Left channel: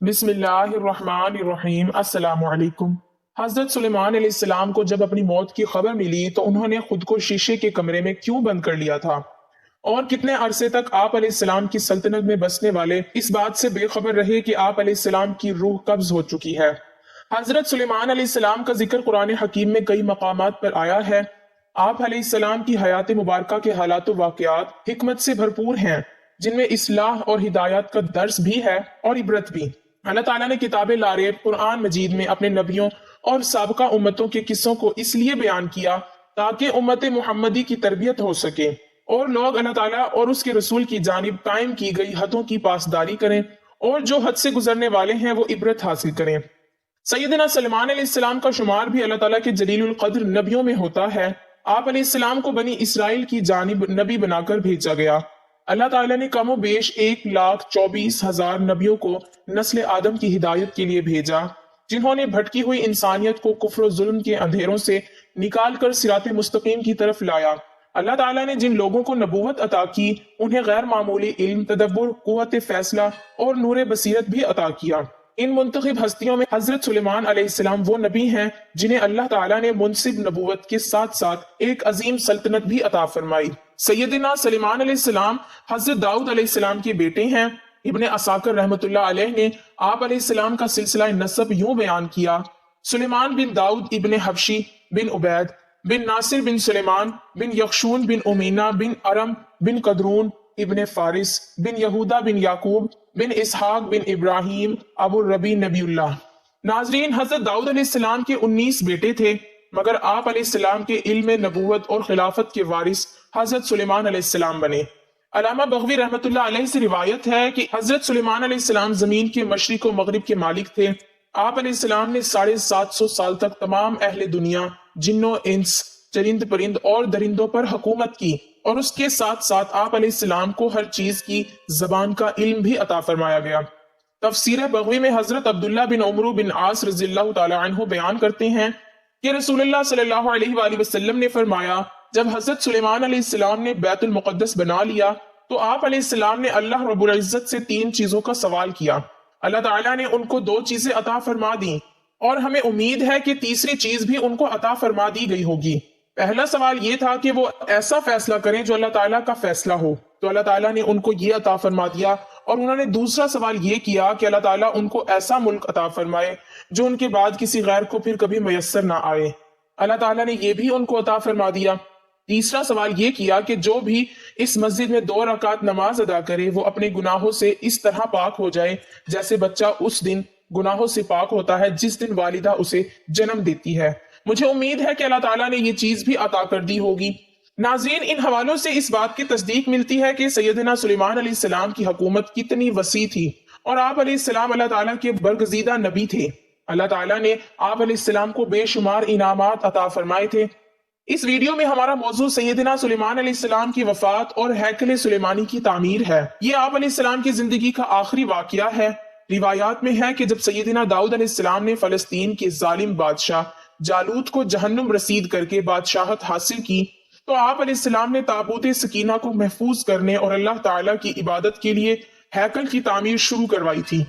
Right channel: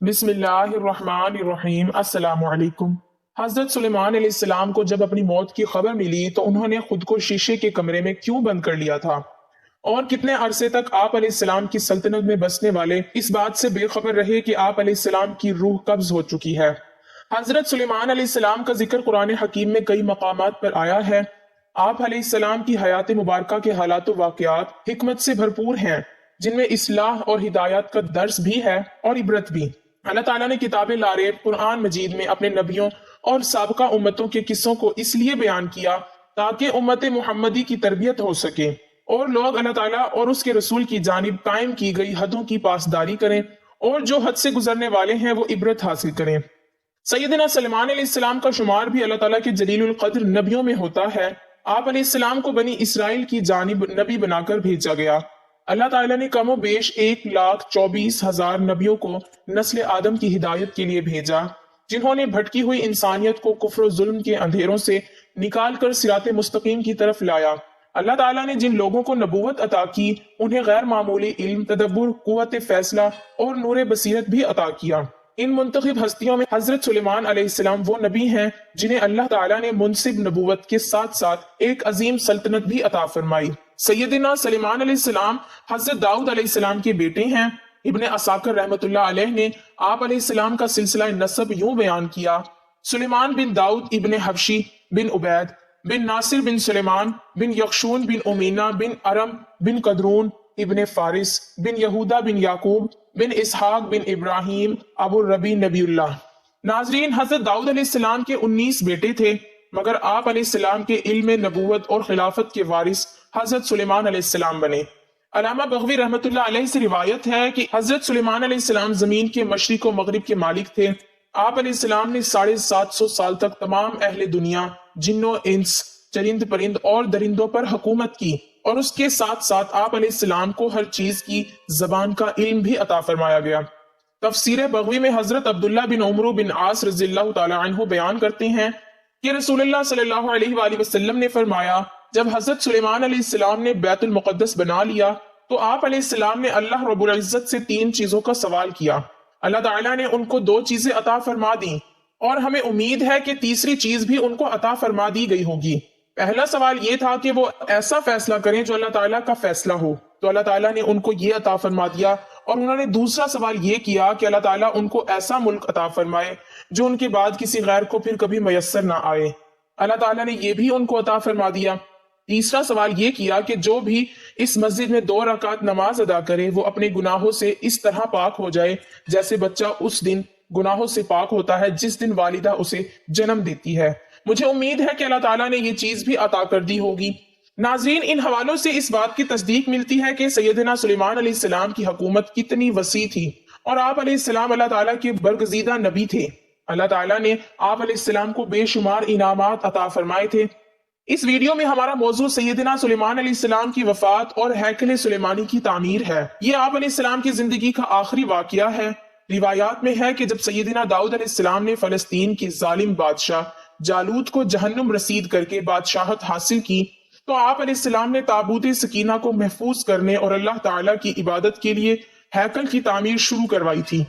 بسم اللہ الرحمن الرحیم۔ السلام علیکم۔ حضرت سلیمان علیہ السلام کو جب اپنی موت کی خبر ملی تو انہوں نے خود کو شیشے کے کمرے میں کیوں بند کر لیا تھا، اور کتنے عرصے تک آپ علیہ السلام کی سلطنت میں بسنے والے اس بات سے بے خبر رہے کہ آپ علیہ السلام کی روح قبض ہو چکی ہے۔ حضرت سلیمان علیہ السلام کا ذکر قرآن حکیم میں کئی مقامات پر آیا ہے۔ آپ علیہ السلام کی حیات مبارکہ کے حالات و واقعات حکمت سے بھرپور ہیں، جن میں اصلاح اور ہدایات کا درس بھی ہے اور عبرت بھی۔ اللہ تعالیٰ نے کتاب لاریب قرآن مجید میں اپنے نبیوں اور سابقہ امتوں کے قصوں کو اس لیے بیان کیا تاکہ امت محمدی کی تربیت ہو سکے اور لوگ اللہ تعالیٰ اور اس کے رسول کی جانب قائم کی گئی حدوں کی پاسداری کریں، اور جو حد سے گزرنے والے ہیں وہ عبرت حاصل کریں۔ سیدنا سلیمان علیہ السلام کا شمار بھی اللہ تعالیٰ کے جلیل القدر نبیوں میں ہوتا ہے۔ آپ علیہ السلام کو بنی اسرائیل کی جانب نبی بنا کر بھیجا گیا۔ اللہ تعالیٰ نے کم و بیش 1,24,000 نبیوں کو نسل آدم کی ہدایت کے لیے بھیجا، جنہوں نے بھٹکی ہوئی انسانیت کو کفر و ظلم کے اندھیروں سے نکال کر صراط مستقیم کی طرف لایا۔ اللہ تعالیٰ نے جن لوگوں کو نبوت عطا کی انہیں غیر معمولی علم، تدبر، قوت فیصلہ اور نور بصیرت بھی عطا کیا۔ ان منتخب ہستیوں میں حضرت سلیمان علیہ السلام وہ نبی ہیں جنہیں اللہ تعالیٰ نے منصب نبوت کے ساتھ ساتھ ایک عظیم سلطنت بھی عطا فرمائی۔ سیدنا سلیمان علیہ السلام حضرت داؤد علیہ السلام کے بیٹے ہیں۔ ابن عساکر رحمۃ اللہ علیہ نے آپ علیہ السلام کا سلسلہ نسب یوں بیان کیا: سلیمان بن داؤد ابن حبشی بن عبید بن ناصر بن سلیمان بن یخشون بن امینا بن ارم بن قدرون ابن فارس بن یہودا بن یعقوب بن اسحاق بن ابراہیم ابو الربی نبی اللہ۔ ناظرین، حضرت داؤد علیہ السلام کے 19 بیٹے تھے، مگر آپ علیہ السلام کے علم نبوت اور خلافت کے وارث حضرت سلیمان علیہ السلام بنے۔ علامہ بغوی رحمۃ اللہ علیہ سے روایت ہے کہ حضرت سلیمان علیہ السلام زمین کے مشرق و مغرب کے مالک تھے۔ آپ علیہ السلام نے 750 سال تک تمام اہل دنیا، جن و انس، چرند پرند اور درندوں پر حکومت کی، اور اس کے ساتھ ساتھ آپ علیہ السلام کو ہر چیز کی زبان کا علم بھی عطا فرمایا گیا۔ تفسیر بغوی میں حضرت عبداللہ بن عمرو بن عاص رضی اللہ تعالی عنہ بیان کرتے ہیں کہ رسول اللہ صلی اللہ علیہ وآلہ وسلم نے فرمایا، جب حضرت سلیمان علیہ السلام نے بیت المقدس بنا لیا تو آپ علیہ السلام نے اللہ رب العزت سے 3 چیزوں کا سوال کیا۔ اللہ تعالیٰ نے ان کو 2 چیزیں عطا فرما دیں، اور ہمیں امید ہے کہ تیسری چیز بھی ان کو عطا فرما دی گئی ہوگی۔ پہلا سوال یہ تھا کہ وہ ایسا فیصلہ کریں جو اللہ تعالیٰ کا فیصلہ ہو، تو اللہ تعالیٰ نے ان کو یہ عطا فرما دیا، اور انہوں نے دوسرا سوال یہ کیا کہ اللہ تعالیٰ ان کو ایسا ملک عطا فرمائے جو ان کے بعد کسی غیر کو پھر کبھی میسر نہ آئے۔ اللہ تعالیٰ نے یہ بھی ان کو عطا فرما دیا۔ تیسرا سوال یہ کیا کہ جو بھی اس مسجد میں 2 رکعت نماز ادا کرے وہ اپنے گناہوں سے اس طرح پاک ہو جائے جیسے بچہ اس دن گناہوں سے پاک ہوتا ہے جس دن والدہ اسے جنم دیتی ہے۔ مجھے امید ہے کہ اللہ تعالیٰ نے یہ چیز بھی عطا کر دی ہوگی۔ ناظرین، ان حوالوں سے اس بات کی تصدیق ملتی ہے کہ سیدنا سلیمان علیہ السلام کی حکومت کتنی وسیع تھی، اور آپ علیہ السلام اللہ تعالیٰ کے برگزیدہ نبی تھے۔ اللہ تعالیٰ نے آپ علیہ السلام کو بے شمار انعامات عطا فرمائے تھے۔ اس ویڈیو میں ہمارا موضوع سیدنا سلیمان علیہ السلام کی وفات اور ہیکل سلیمانی کی تعمیر ہے۔ یہ آپ علیہ السلام کی زندگی کا آخری واقعہ ہے۔ روایات میں ہے کہ جب سیدنا داؤد علیہ السلام نے فلسطین کے ظالم بادشاہ جالوت کو جہنم رسید کر کے بادشاہت حاصل کی، تو آپ علیہ السلام نے تابوت سکینہ کو محفوظ کرنے اور اللہ تعالیٰ کی عبادت کے لیے ہیکل کی تعمیر شروع کروائی تھی۔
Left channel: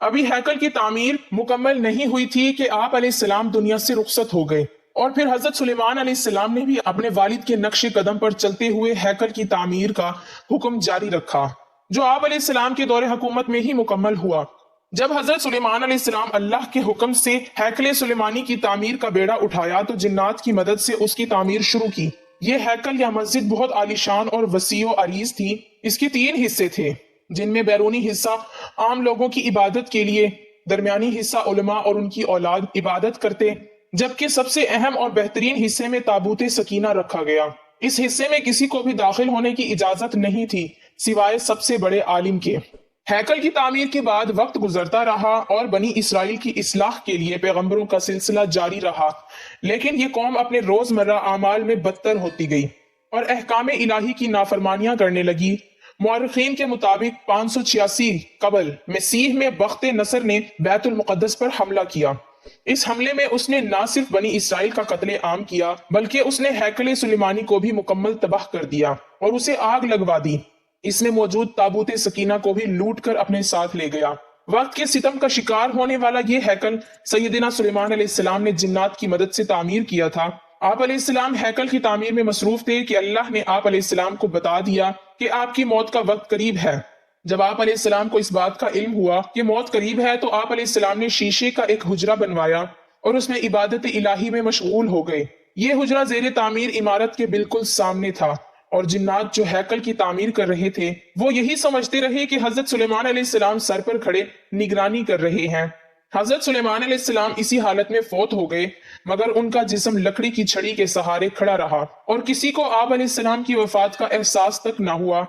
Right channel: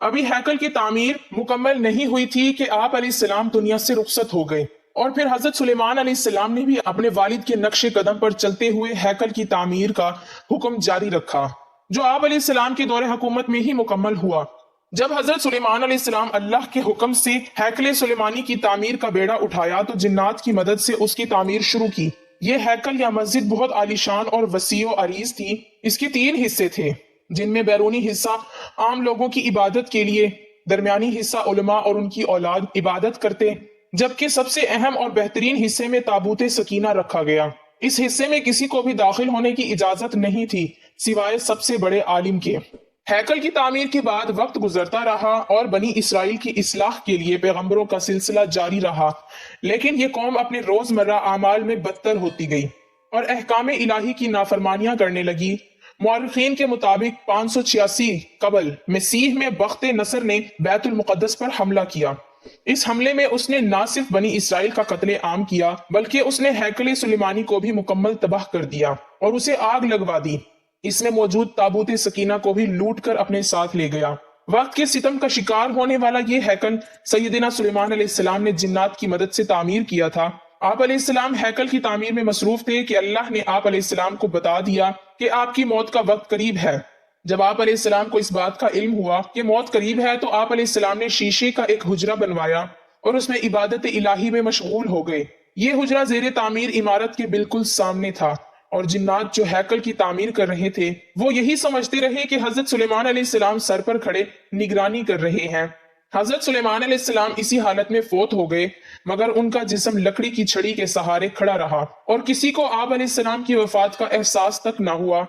ابھی ہیکل کی تعمیر مکمل نہیں ہوئی تھی کہ آپ علیہ السلام دنیا سے رخصت ہو گئے، اور پھر حضرت سلیمان علیہ السلام نے بھی اپنے والد کے نقش قدم پر چلتے ہوئے ہیکل کی تعمیر کا حکم جاری رکھا، جو آپ علیہ السلام کے دور حکومت میں ہی مکمل ہوا۔ جب حضرت سلیمان علیہ السلام اللہ کے حکم سے ہیکل سلیمانی کی تعمیر کا بیڑا اٹھایا تو جنات کی مدد سے اس کی تعمیر شروع کی۔ یہ ہیکل یا مسجد بہت عالیشان اور وسیع و عریض تھی۔ اس کے 3 حصے تھے، جن میں بیرونی حصہ عام لوگوں کی عبادت کے لیے، درمیانی حصہ علماء اور ان کی اولاد عبادت کرتے، جبکہ سب سے اہم اور بہترین حصے میں تابوت سکینہ رکھا گیا۔ اس حصے میں کسی کو بھی داخل ہونے کی اجازت نہیں تھی سوائے سب سے بڑے عالم کے۔ ہیکل کی تعمیر کے بعد وقت گزرتا رہا اور بنی اسرائیل کی اصلاح کے لیے پیغمبروں کا سلسلہ جاری رہا، لیکن یہ قوم اپنے روزمرہ اعمال میں بدتر ہوتی گئی اور احکام الہی کی نافرمانیاں کرنے لگی۔ مورخین کے مطابق 586 قبل مسیح میں بخت نصر نے بیت المقدس پر حملہ کیا۔ اس حملے میں اس نے نہ صرف بنی اسرائیل کا قتل عام کیا بلکہ اس نے ہیکل سلیمانی کو بھی مکمل تباہ کر دیا اور اسے آگ لگوا دی۔ اس میں موجود تابوت سکینہ کو بھی لوٹ کر اپنے ساتھ لے گیا۔ وقت کے ستم کا شکار ہونے والا یہ ہیکل سیدنا سلیمان علیہ السلام نے جنات کی مدد سے تعمیر کیا تھا۔ آپ علیہ السلام ہیکل کی تعمیر میں مصروف تھے کہ اللہ نے آپ علیہ السلام کو بتا دیا کہ آپ کی موت کا وقت قریب ہے۔ جب آپ علیہ السلام کو اس بات کا علم ہوا کہ موت قریب ہے تو آپ علیہ السلام نے شیشے کا ایک حجرہ بنوایا اور اس میں عبادت الہی میں مشغول ہو گئے۔ یہ حجرہ زیر تعمیر عمارت کے بالکل سامنے تھا اور جنات جو ہیکل کی تعمیر کر رہے تھے وہ یہی سمجھتے رہے کہ حضرت سلیمان علیہ السلام سر پر کھڑے نگرانی کر رہے ہیں۔ حضرت سلیمان علیہ السلام اسی حالت میں فوت ہو گئے، مگر ان کا جسم لکڑی کی چھڑی کے سہارے کھڑا رہا اور کسی کو آپ علیہ السلام کی وفات کا احساس تک نہ ہوا۔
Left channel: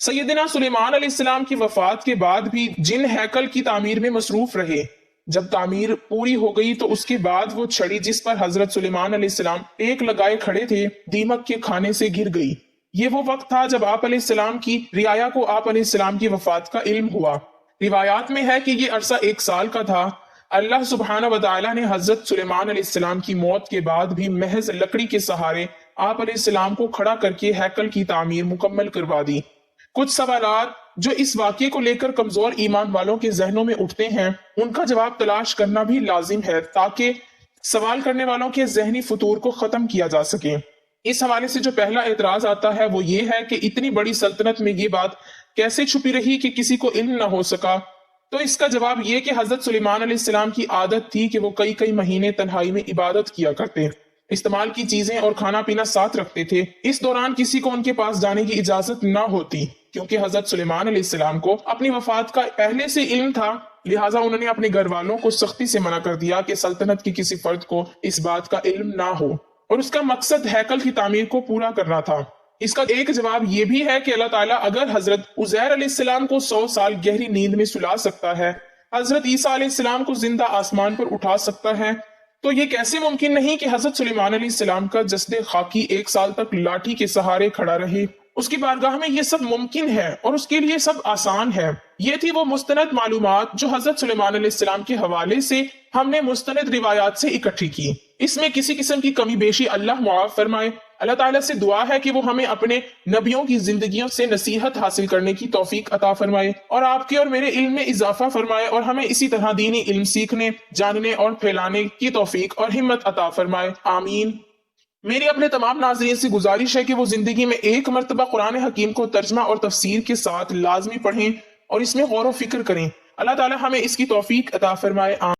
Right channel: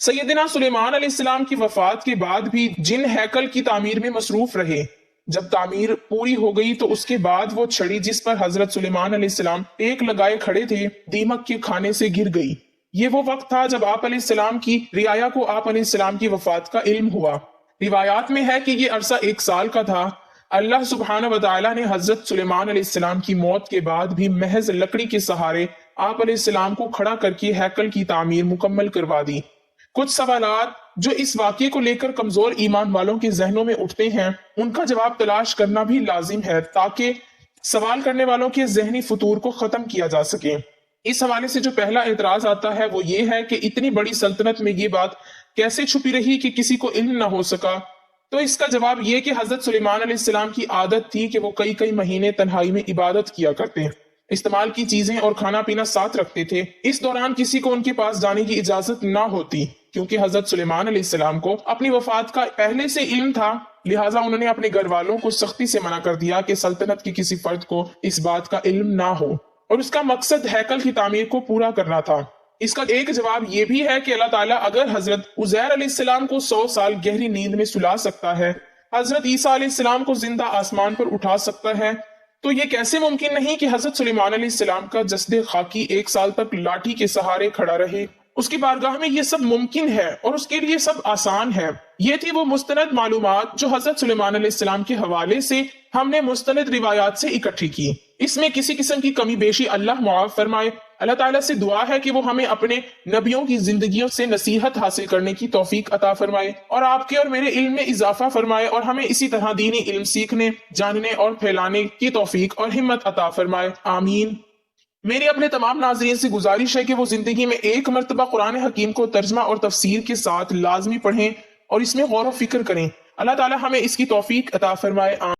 سیدنا سلیمان علیہ السلام کی وفات کے بعد بھی جن ہیکل کی تعمیر میں مصروف رہے۔ جب تعمیر پوری ہو گئی تو اس کے بعد وہ چھڑی جس پر حضرت سلیمان علیہ السلام ٹیک لگائے کھڑے تھے دیمک کے کھانے سے گر گئی۔ یہ وہ وقت تھا جب آپ علیہ السلام کی رعایا کو آپ علیہ السلام کی وفات کا علم ہوا۔ روایات میں ہے کہ یہ عرصہ 1 سال کا تھا۔ اللہ سبحانہ وتعالی نے حضرت سلیمان علیہ السلام کی موت کے بعد بھی محض لکڑی کے سہارے آپ علیہ السلام کو کھڑا کر کے ہیکل کی تعمیر مکمل کروا دی۔ کچھ سوالات جو اس واقعے کو لے کر کمزور ایمان والوں کے ذہنوں میں اٹھتے ہیں ان کا جواب تلاش کرنا بھی لازم ہے تاکہ سوال کرنے والوں کے ذہنی فطور کو ختم کیا جا سکے۔ اس حوالے سے جو پہلا اعتراض آتا ہے وہ یہ ہے کہ اتنی بڑی سلطنت میں یہ بات کیسے چھپی رہی کہ کسی کو علم نہ ہو سکا؟ تو اس کا جواب یہ کہ حضرت سلیمان علیہ السلام کی عادت تھی کہ وہ کئی مہینے تنہائی میں عبادت کیا کرتے، استعمال کی چیزیں اور کھانا پینا ساتھ رکھتے تھے۔ اس دوران کسی کو ان کے پاس جانے کی اجازت نہ ہوتی، کیونکہ حضرت سلیمان علیہ السلام کو اپنی وفات کا پہلے سے علم تھا، لہٰذا انہوں نے اپنے گھر والوں کو سختی سے منع کر دیا کہ سلطنت کے کسی فرد کو اس بات کا علم نہ ہو، اور اس کا مقصد ہیکل کی تعمیر کو پورا کرنا تھا۔ اس کا ایک جواب یہ بھی ہے کہ اللہ تعالیٰ اگر حضرت عزیر علیہ السلام کو 100 سال گہری نیند میں سلا سکتا ہے، حضرت عیسیٰ علیہ السلام کو زندہ آسمان پر اٹھا سکتا ہے، تو یہ کیسے ممکن نہیں کہ حضرت سلیمان علیہ السلام کا جسد خاکی 1 سال تک لاٹھی کے سہارے کھڑا رہے؟ اس کی بارگاہ میں یہ سب ممکن ہے اور اس کے لیے سب آسان ہے۔ یہ تھی وہ مستند معلومات جو حضرت سلیمان علیہ السلام کے حوالے سے ہم نے مستند روایات سے اکٹھی کی۔ اس میں کسی قسم کی کمی بیشی اللہ معاف فرمائے۔ اللہ تعالیٰ سے دعا ہے کہ وہ ہمیں اپنے نبیوں کی زندگیوں سے نصیحت حاصل کرنے کی توفیق عطا فرمائے اور آپ کے اور میرے علم میں اضافہ فرمائے اور ہمیں اسی طرح دینی علم سیکھنے، جاننے اور پھیلانے کی توفیق اور ہمت عطا فرمائے، آمین۔ میری اپنے تمام ناظرین سے گزارش ہے کہ وہ زندگی میں ایک مرتبہ قرآن حکیم کو ترجمہ اور تفسیر کے ساتھ لازمی پڑھیں اور اس میں غور و فکر کریں۔ اللہ تعالیٰ ہمیں اس کی توفیق عطا فرمائے، آمین۔